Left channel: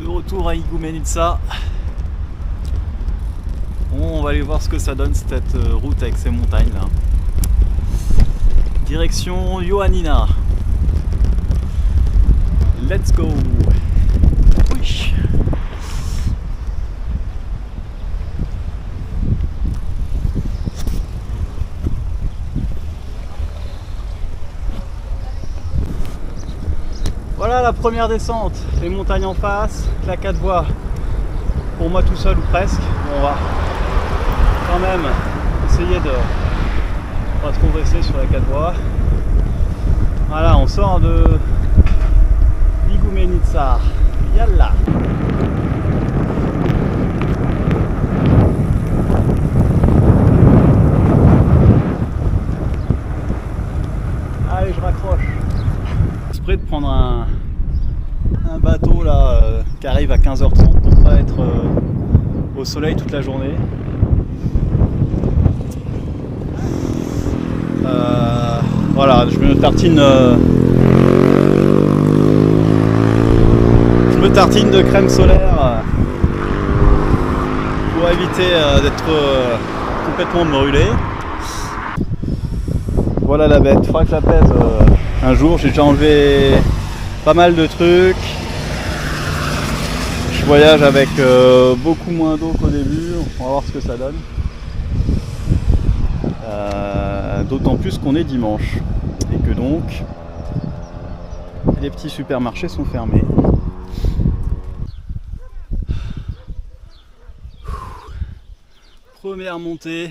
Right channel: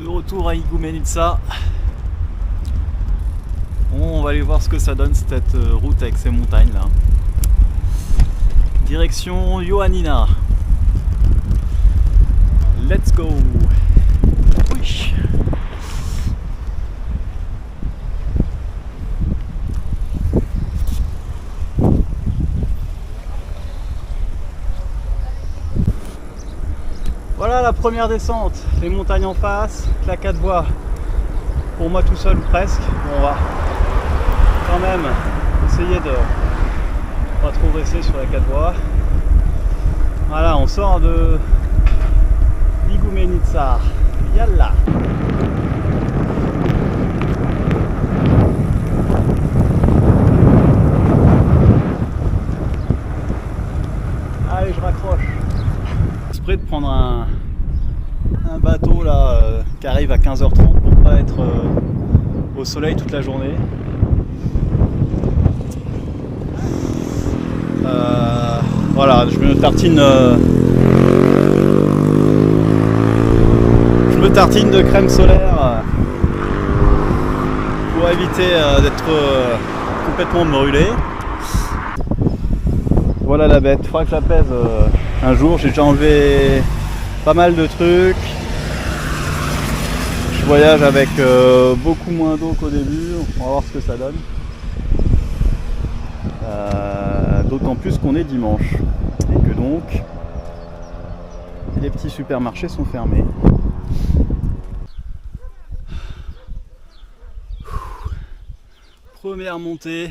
De retour à Igoumenitsa. Bon, on va aller voir ce que ça donne cette route avec ces montagnes là. Direction Ioannina. Let's go. Oui. Voilà la première descente, les montagnes en face, la 4 voies pour moi tout seul ou presque. Bon, on va quand même essayer de pas trop rester sur la 4 voies. Voilà, on sort de Igoumenitsa. Yalla. Allez, je raccroche. Exprès de prendre un bateau là qui arrive à 15h30 pour pas être au soleil toute la journée. Voilà, je me tartine de crème solaire pour éviter d'être complètement brûlé. Voilà la bête, il faudra que je la pèse un jour. J'ai déjà enlevé pas mal de trucs. Je voyage avec beaucoup moins d'eau qu'au début, on va voir ce que ça donne. D'autant plus qu'on est dimanche et que donc les petits supermarchés sont fermés. Première montée,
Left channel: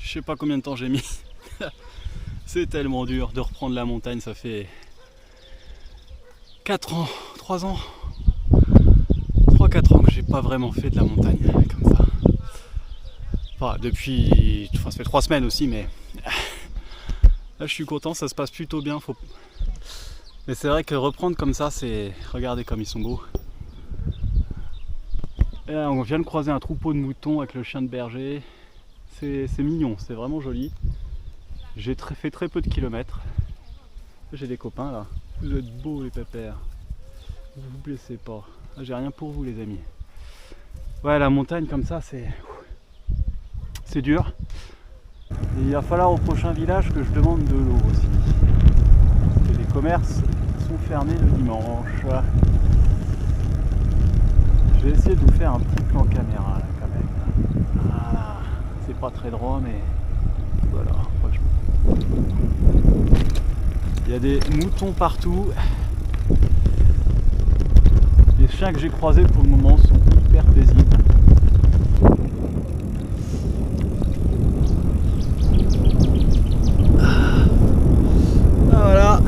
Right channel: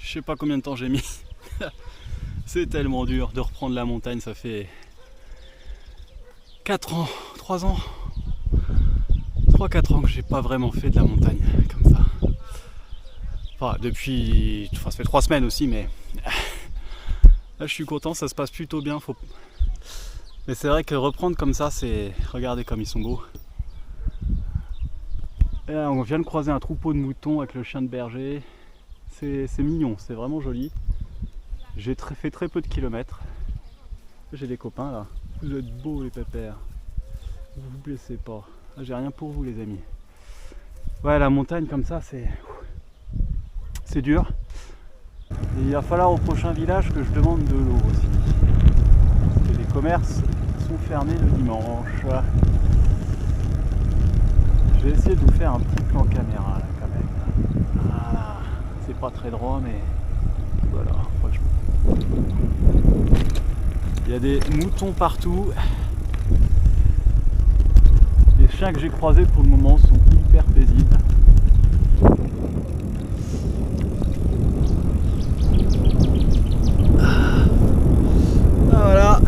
je sais pas combien de temps j'ai mis. C'est tellement dur de reprendre la montagne, ça fait 4 ans, 3 ans, 3-4 ans que j'ai pas vraiment fait de la montagne comme ça. Enfin, depuis, ça fait 3 semaines aussi, mais là je suis content, ça se passe plutôt bien. Mais c'est vrai que reprendre comme ça, c'est... Regardez comme ils sont beaux. Et là, on vient de croiser un troupeau de moutons avec le chien de berger. C'est mignon, c'est vraiment joli. J'ai fait très peu de kilomètres. J'ai des copains là. Vous êtes beaux les pépères. Vous vous blessez pas. J'ai rien pour vous les amis. Ouais, la montagne comme ça, c'est dur. Et il va falloir au prochain village que je demande de l'eau aussi. Parce que les commerces sont fermés le dimanche. Je vais essayer de vous faire un petit plan caméra là quand même. Voilà. C'est pas très droit mais voilà, franchement. Il y a des moutons partout. Les chiens que j'ai croisés pour le moment sont hyper paisibles. Voilà.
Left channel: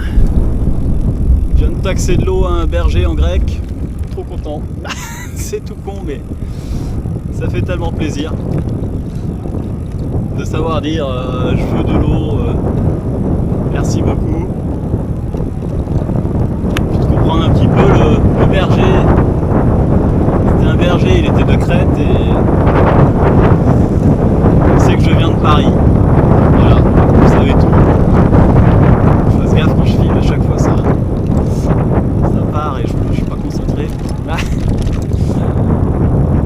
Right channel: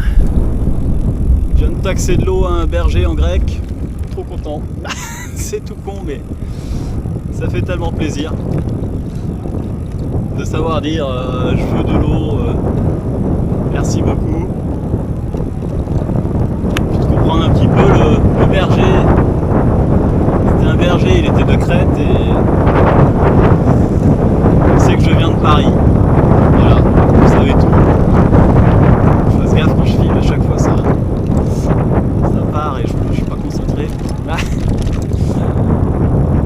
Je viens de taxer de l'eau à un berger en grec. Trop content. C'est tout con mais ça fait tellement plaisir de savoir dire je veux de l'eau, merci beaucoup. Puis de comprendre un petit peu le berger. C'était un berger, il était de Crète et il sait que je viens de Paris. Voilà, vous savez tout. Je fasse gaffe quand je filme, à chaque fois ça part et je suis pas concentré.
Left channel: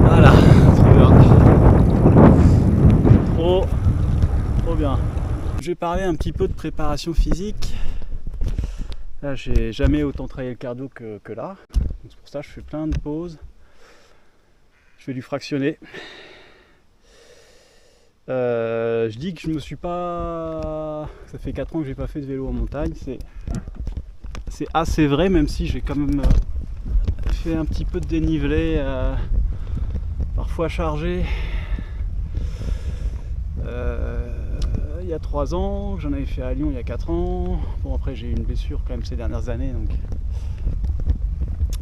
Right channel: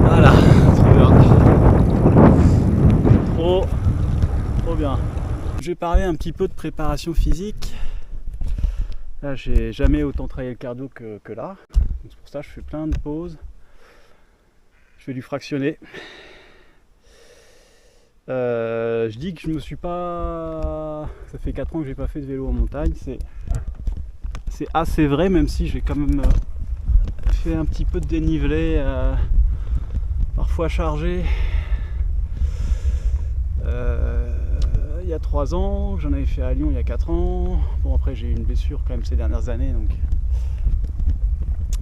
Voilà, trop bien. Trop bien. Je vais parler un petit peu de préparation physique. Là, j'ai jamais autant travaillé le cardio que là. Donc, c'est pour ça que je fais plein de pauses. Je vais du fractionné. Je dis que je me suis pas... Ça fait 4 ans que j'ai pas fait de vélo en montagne. C'est assez vrai, même si j'ai quand même fait un petit peu de dénivelé, parfois chargé. Il y a 3 ans, j'en avais fait à Lyon il y a 4 ans. Bon, après j'ai eu une blessure quand même ces dernières années, donc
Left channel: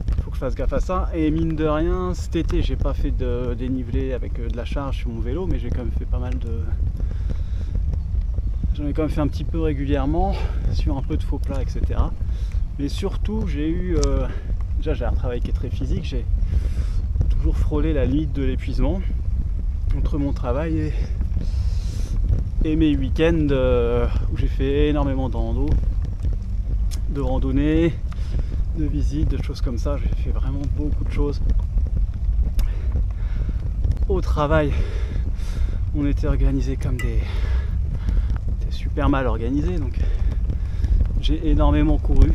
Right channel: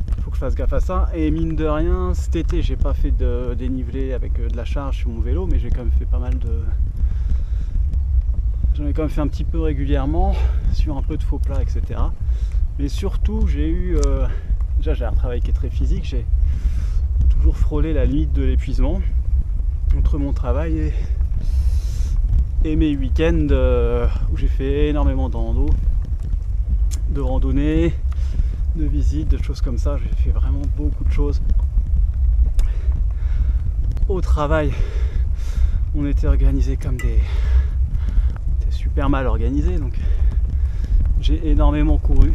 il faut que je fasse gaffe à ça. Et mine de rien, cet été j'ai pas fait de dénivelé avec de la charge sur mon vélo, mais j'ai quand même fait pas mal de... J'en ai quand même fait un petit peu régulièrement, sur un peu de faux plats, etc. Mais surtout j'ai eu... Déjà j'ai un travail qui est très physique, j'ai toujours frôlé la limite de l'épuisement entre mon travail et mes week-ends où j'ai fait énormément de randonnées, de visites, de choses comme ça. J'ai fait vraiment beaucoup de choses. Au travail, on était organisés comme des... On était super mal organisés, donc j'ai énormément couru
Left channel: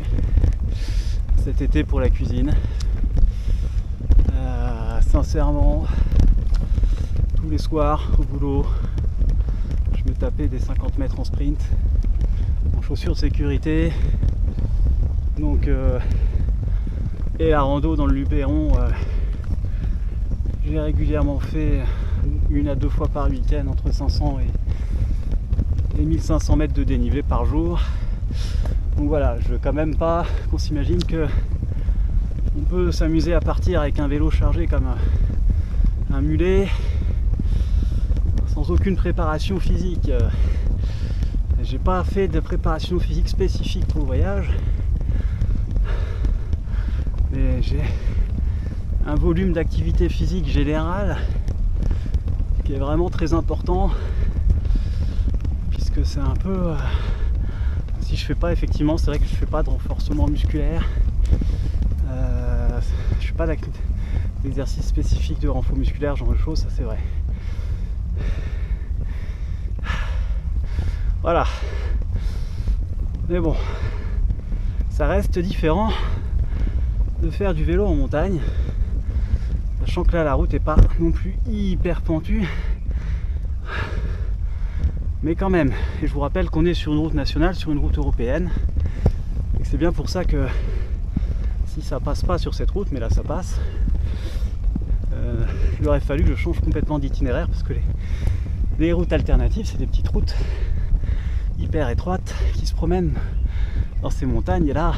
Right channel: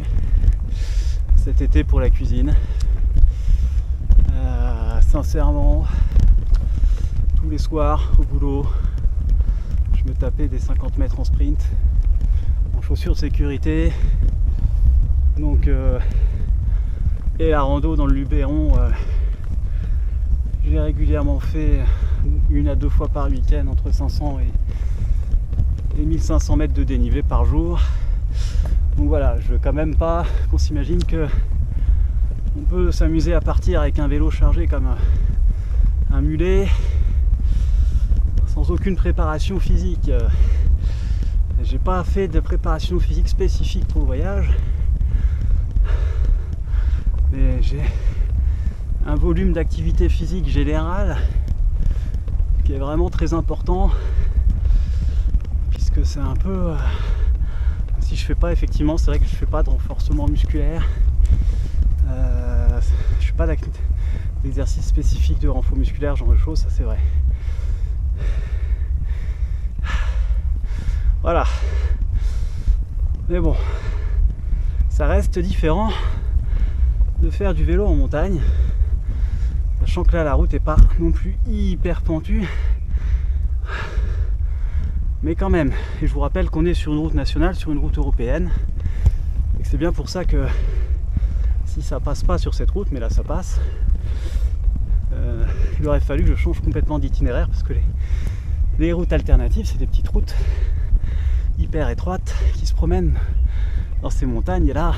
cet été pour la cuisine. Sincèrement, tous les soirs au boulot, je me tapais des 50 mètres en sprint, en chaussures de sécurité. Donc, et la rando dans le Luberon, j'ai régulièrement fait 1 à 2 fois par week-end entre 500 et 1500 mètres de dénivelé par jour. Donc voilà, je veux quand même pas qu'on s'imagine que on peut s'amuser à partir avec un vélo chargé comme un mulet sans aucune préparation physique. J'ai pas fait de préparation physique spécifique pour le voyage, mais j'ai un volume d'activité physique générale qui est vraiment très important, puisque c'est un peu si je fais pas, effectivement, c'est vrai que je fais pas de renforcement musculaire. Je fais pas d'exercice spécifique de renfort musculaire, genre de choses, ça c'est vrai. Voilà. Mais bon, ça reste différent de faire du vélo en montagne, sachant que là la route est pas non plus hyper pentue, mais quand même. Et je vous rappelle qu'on est sur une route nationale, sur une route européenne, et que c'est bien pour ça que si ça passe pas sur cette route, mais là ça passe, il aurait fallu que je change complètement d'itinéraire, parce que les routes alternatives, c'est des petites routes hyper étroites qui se promènent dans ces montagnes, et là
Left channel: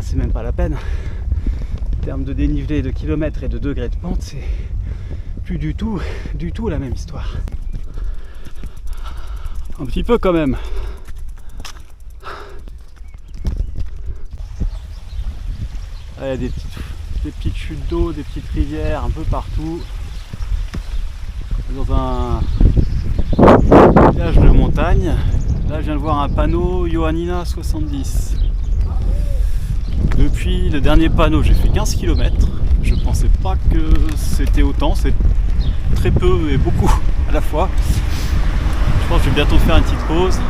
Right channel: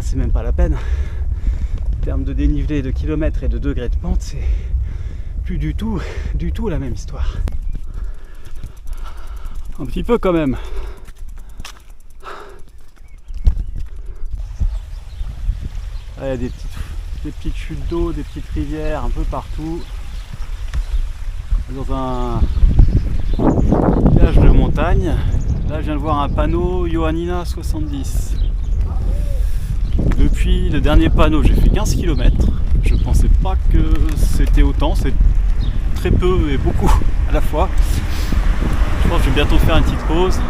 c'est même pas la peine. En termes de dénivelé, de kilomètres et de degrés de pente, c'est plus du tout la même histoire. Un petit peu quand même. Il y a des petites chutes d'eau, des petites rivières un peu partout. Dans un village de montagne. Là je viens de voir un panneau Johannina 70. Depuis le dernier panneau, j'ai fait 15 km. Je pensais pas que c'était autant, c'est très peu et beaucoup à la fois. Je pense que je vais bientôt faire une petite pause.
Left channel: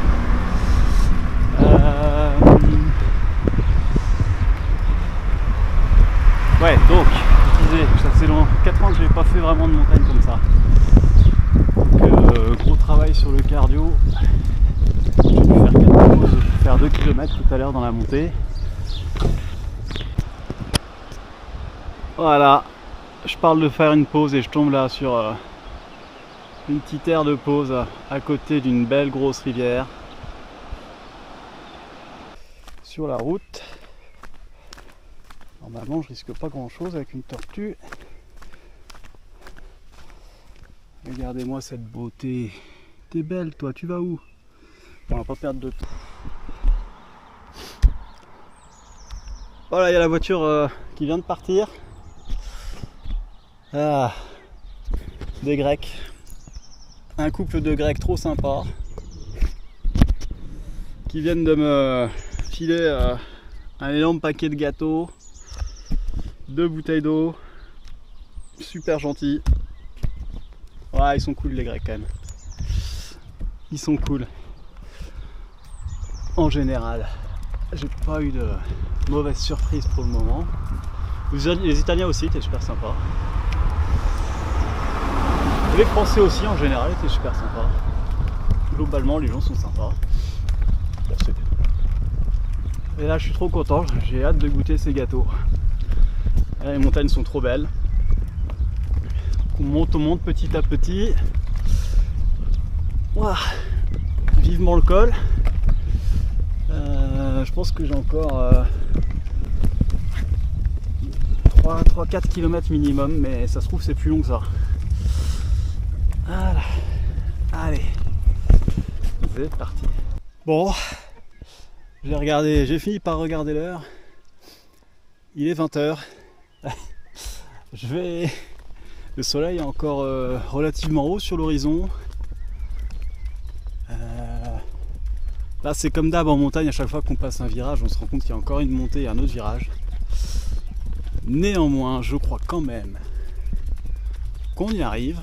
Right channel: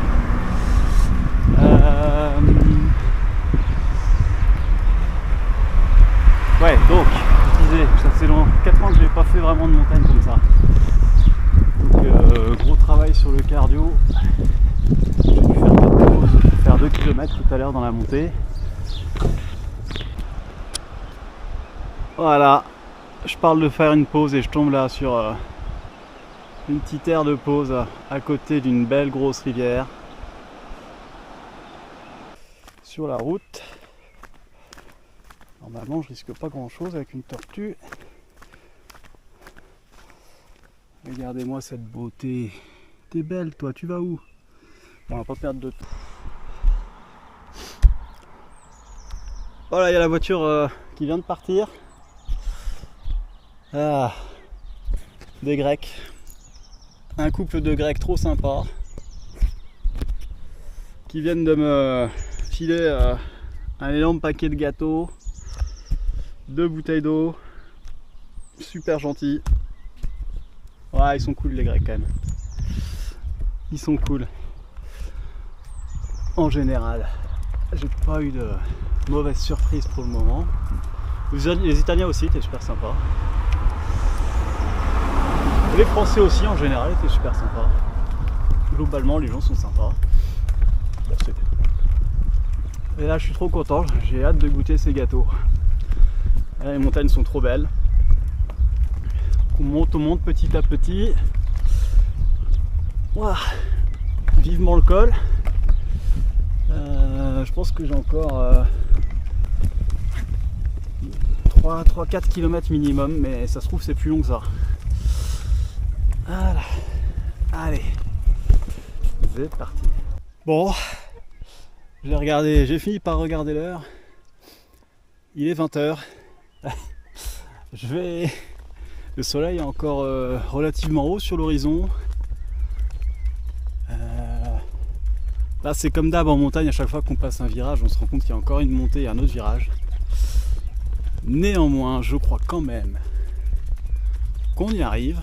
Ouais, donc, je disais, ça fait 4 ans que je n'ai pas fait vraiment de montagne comme ça. Donc, gros travail sur le cardio. J'ai dû faire 4 pauses pour faire 2 km tout à l'heure dans la montée. Voilà, je parle de faire une pause et je tombe là sur une petite aire de pause à côté d'une belle grosse rivière. Sur la route. Normalement je risque pas grand chose avec une tortue. Regardez-moi cette beauté. T'es belle toi, tu vas où? On va pas perdre de temps. Voilà, il y a la voiture qui vient de partir. Ah, des Grecs. Un couple de Grecs trop sympa qui viennent de me filer un énorme paquet de gâteaux, 2 bouteilles d'eau, super gentils. Ouais, ils sont cool les Grecs quand même. Ils sont cool. En général, j'ai pas eu de mauvaise surprise pour le moment. Les Italiens aussi étaient super sympas. Les Français aussi en général étaient super sympas. Globalement les gens sont sympas. Bon, et là je suis trop content, j'ai hâte de goûter ces gâteaux. Là, les montagnes sont trop belles. On monte petit à petit. Ouah, vivement le col. Je pense que j'ai encore 3-4 km minimum, mais ça se trouve c'est plus long que ça. Voilà. Allez, c'est parti. Bon, j'ai fini par regarder l'heure. Il est 20h. Le soleil est encore relativement haut sur l'horizon. Là Là c'est comme d'hab en montagne, à chaque fois qu'on passe un virage, on se rend compte qu'il y a encore une montée et un autre virage. Néanmoins, je crois quand même qu'on y arrive.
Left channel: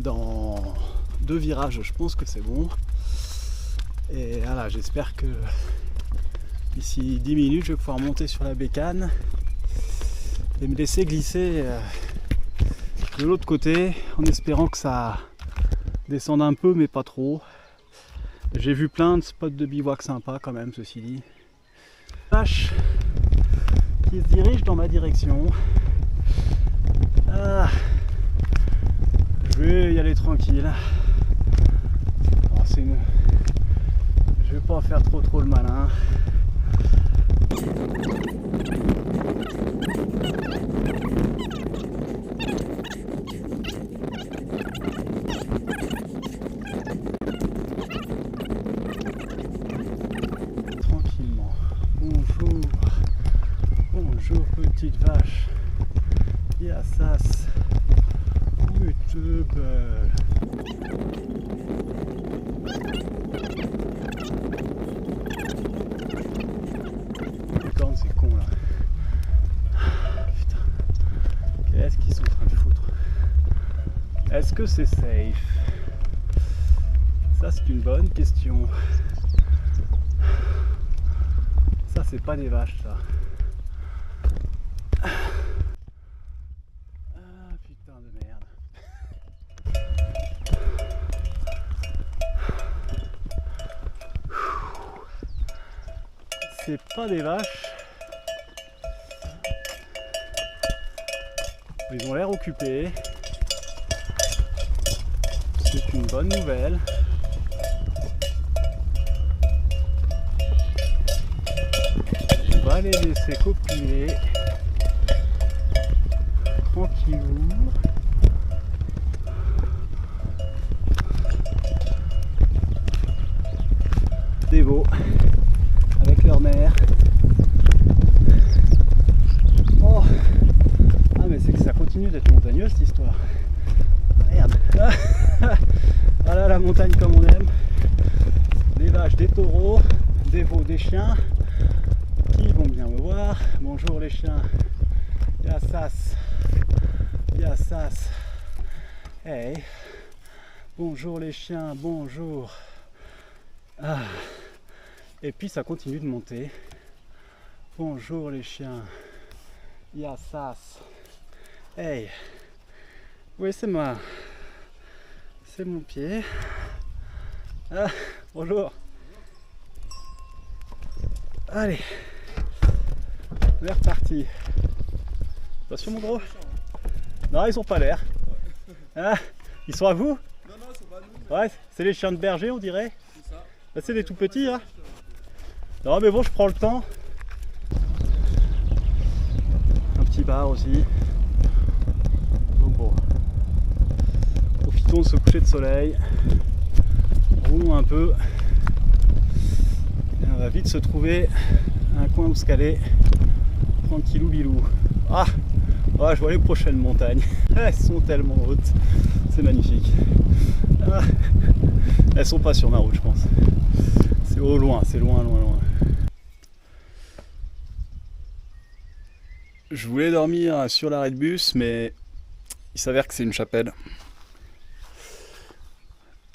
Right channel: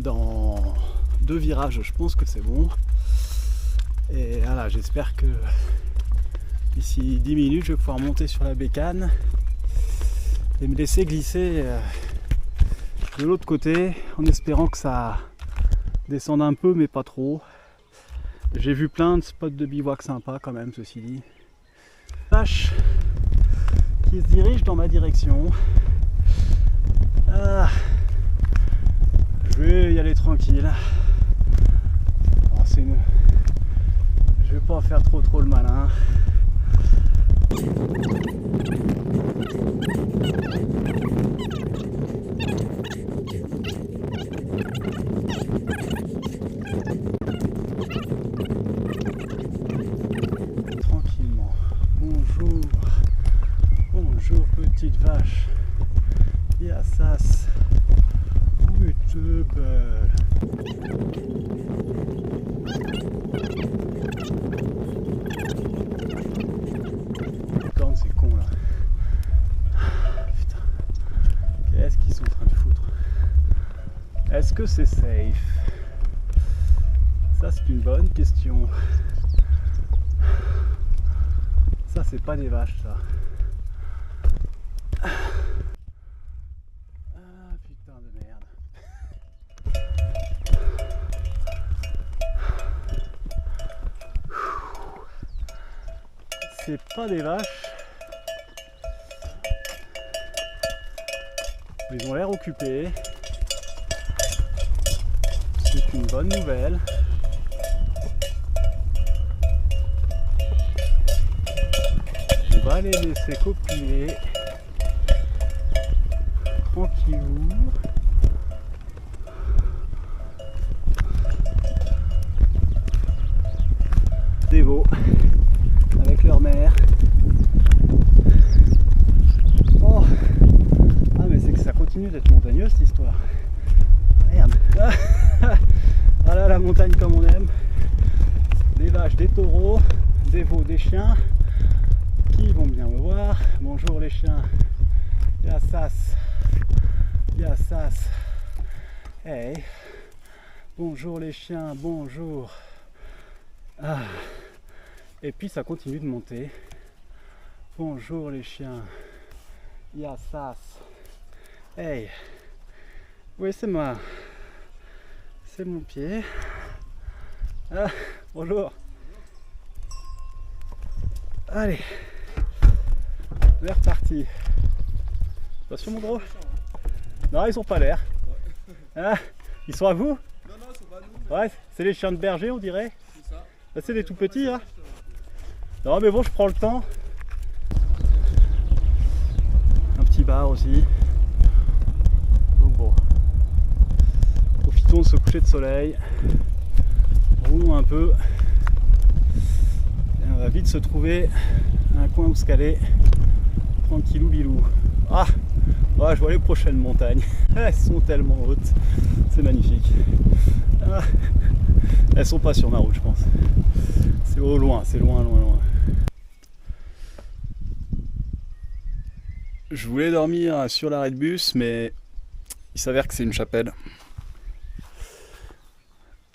Dans 2 virages, je pense que c'est bon. Et voilà, j'espère que d'ici 10 minutes, je vais pouvoir monter sur la bécane et me laisser glisser de l'autre côté en espérant que ça descende un peu, mais pas trop. J'ai vu plein de spots de bivouac sympas quand même, ceci dit. Vache qui se dirige dans ma direction. Ah, je vais y aller tranquille. Oh, je vais pas faire trop le malin. Tranquillement. Bonjour. Bonjour petite vache. Yassas. Où est-tu belle? Corne, c'est con là. Putain. Qu'est-ce qu'ils sont en train de foutre? Est-ce que c'est safe? Ça c'est une bonne question. Ça c'est pas des vaches ça. Ah putain de merde. C'est pas des vaches. Ils ont l'air occupés. C'est une bonne nouvelle. On va les laisser copuler. Tranquillou. Des veaux avec leur mère. Oh, ah mais c'est que ça continue d'être montagneux cette histoire. Merde. Ah là la montagne comme on aime. Des vaches, des taureaux, des veaux, des chiens qui vont bien me voir. Bonjour les chiens. Yassas. Yassas. Hey. Bonjour les chiens, bonjour. Ah. Et puis ça continue de monter. Bonjour les chiens. Yassas. Hey. Oui, c'est moi. C'est mon pied. Ah, bonjour. Allez. On est reparti. Attention mon gros. Non, ils ont pas l'air. Ah, ils sont à vous? Non, ils sont pas à nous. Ouais, c'est les chiens de berger on dirait. C'est ça. Là, c'est des tout petits hein. Non mais bon, je prends le temps. Un petit bar aussi. Donc bon. Profitons de ce coucher de soleil. Roulons un peu. Et on va vite se trouver un coin où se caler. Tranquillou bilou. Ah, ouais, je vois les prochaines montagnes. Elles sont tellement hautes. C'est magnifique. Ah, elles sont pas sur ma route je pense. C'est au loin, c'est loin. Je voulais dormir sur l'arrêt de bus, mais il s'avère que c'est une chapelle.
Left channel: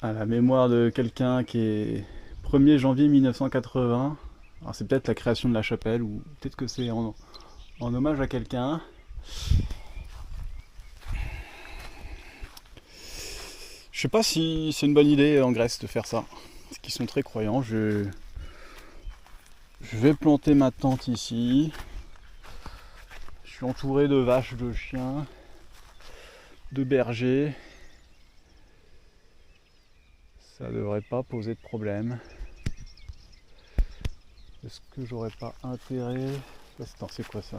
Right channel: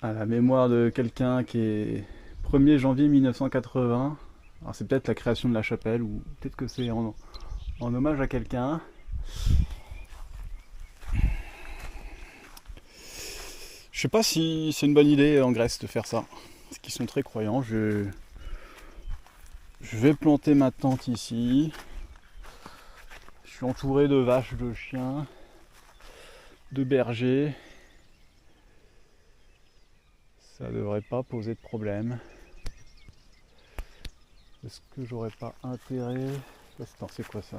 À la mémoire de quelqu'un qui est 1er janvier 1980. Alors c'est peut-être la création de la chapelle, ou peut-être que c'est en hommage à quelqu'un. Je sais pas si c'est une bonne idée en Grèce de faire ça. Parce qu'ils sont très croyants. Je vais planter ma tente ici. Je suis entouré de vaches, de chiens, de bergers. Ça devrait pas poser de problème. Est-ce que j'aurais pas intérêt... Attends, c'est quoi ça?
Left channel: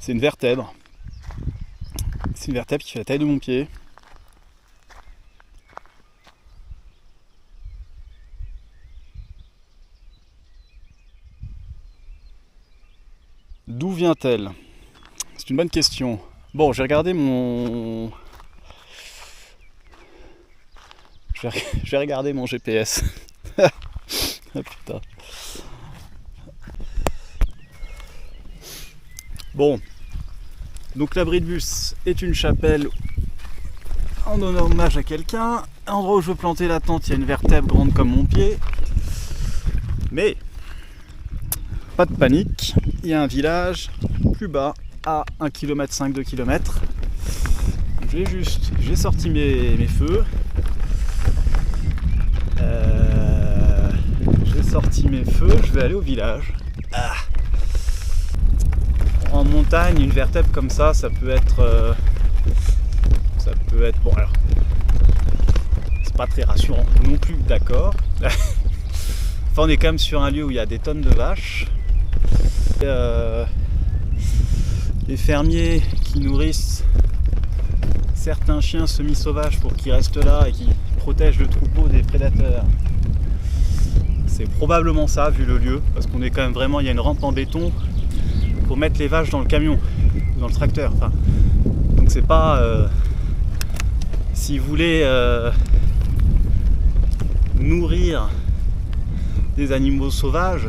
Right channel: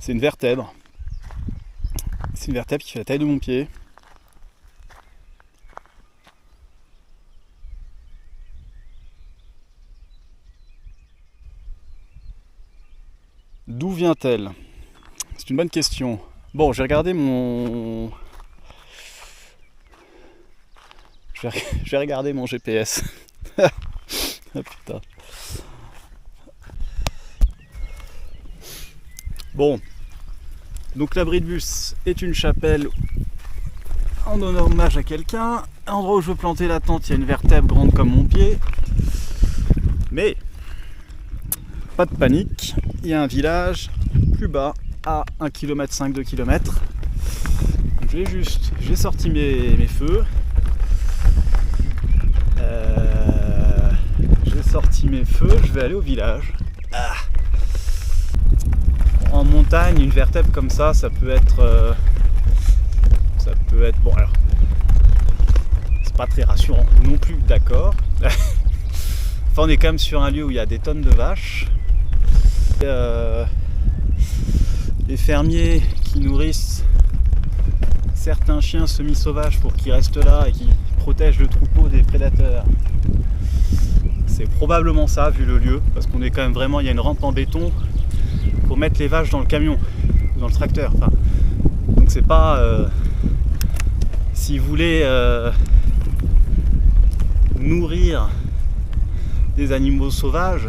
C'est une vertèbre. C'est une vertèbre qui fait la taille de mon pied. D'où vient-elle? C'est une bonne question. Bon, j'ai regardé mon... Je vais regarder mon GPS. Ah putain. Bon. Donc l'abri de bus est une chapelle en hommage à quelqu'un. À l'endroit où je veux planter la tente, il y a une vertèbre grande comme mon pied. Mais pas de panique, il y a un village plus bas à 1,5 km, 2 km. J'ai sorti mes feux. J'ai sorti mes feux, je vais aller au village. Ah. En montagne, une vertèbre comme ça peut être... bon alors... C'est pas très rassurant non plus, d'accord. Enfin, on est quand même sur un lieu où il y a des tonnes de vaches. Les fermiers qui nourrissent certains chiens semi-sauvages pour qu'ils restent là et qui protègent le troupeau des prédateurs. C'est probablement ça vu le lieu, parce qu'on est quand même vraiment, il y a une rampe en béton pour mettre les vaches dans le camion ou dans le tracteur. Enfin, donc c'est pas... si vous voulez nourrir des animaux sauvages,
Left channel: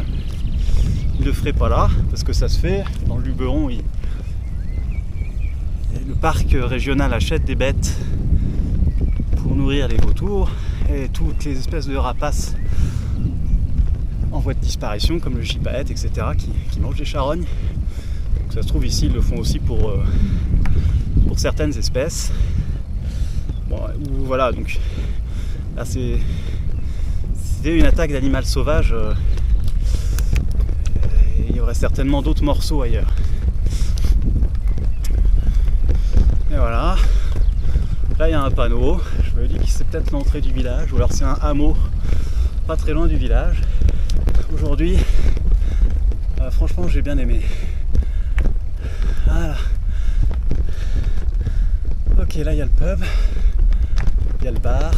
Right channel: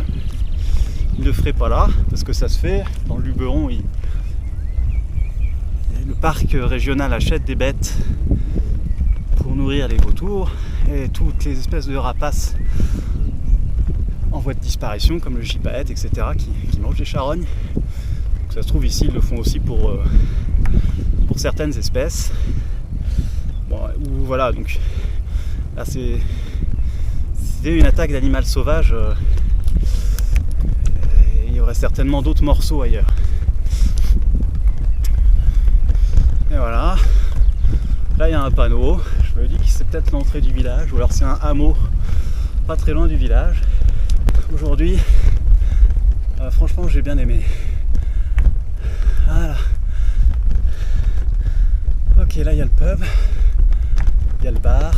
ils ne le feraient pas là, parce que ça se fait dans le Luberon. Le parc régional achète des bêtes pour nourrir les vautours et toutes les espèces de rapaces en voie de disparition, comme le gypaète, etc., qui mangent les charognes. Donc ça se trouve ici, ils le font aussi pour certaines espèces. Bon, voilà, donc là c'était une attaque d'animal sauvage. Il y aurait certainement d'autres morceaux ailleurs. Et voilà. Là il y a un panneau. Je me dis que c'est peut-être l'entrée du village, ou alors c'est un hameau pas très loin du village. Aujourd'hui, franchement j'ai bien aimé. Voilà. Ok, là il y a le pub. Il y a le bar.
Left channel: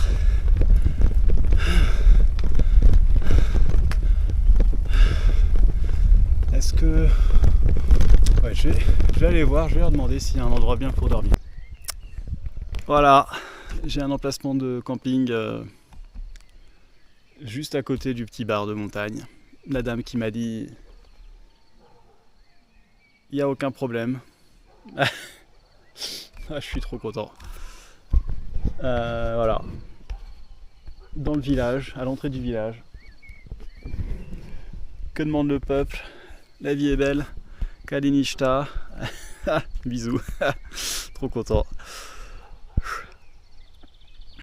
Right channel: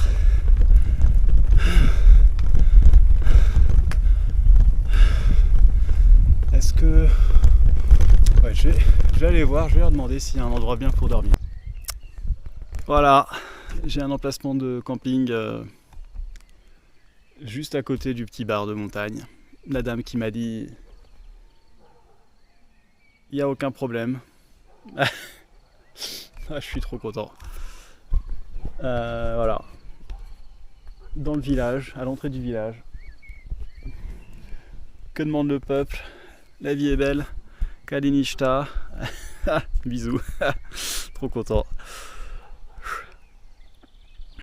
Est-ce que... Ouais, je vais aller voir, je vais leur demander s'il y a un endroit bien pour dormir. Voilà, j'ai un emplacement de camping juste à côté du petit bar de montagne. La dame qui m'a dit... Il n'y a aucun problème. Ah, je suis trop content. Voilà. Dans le village, à l'entrée du village. Que demande le peuple? La vie est belle. Kalinishta. Bisous. Trop content.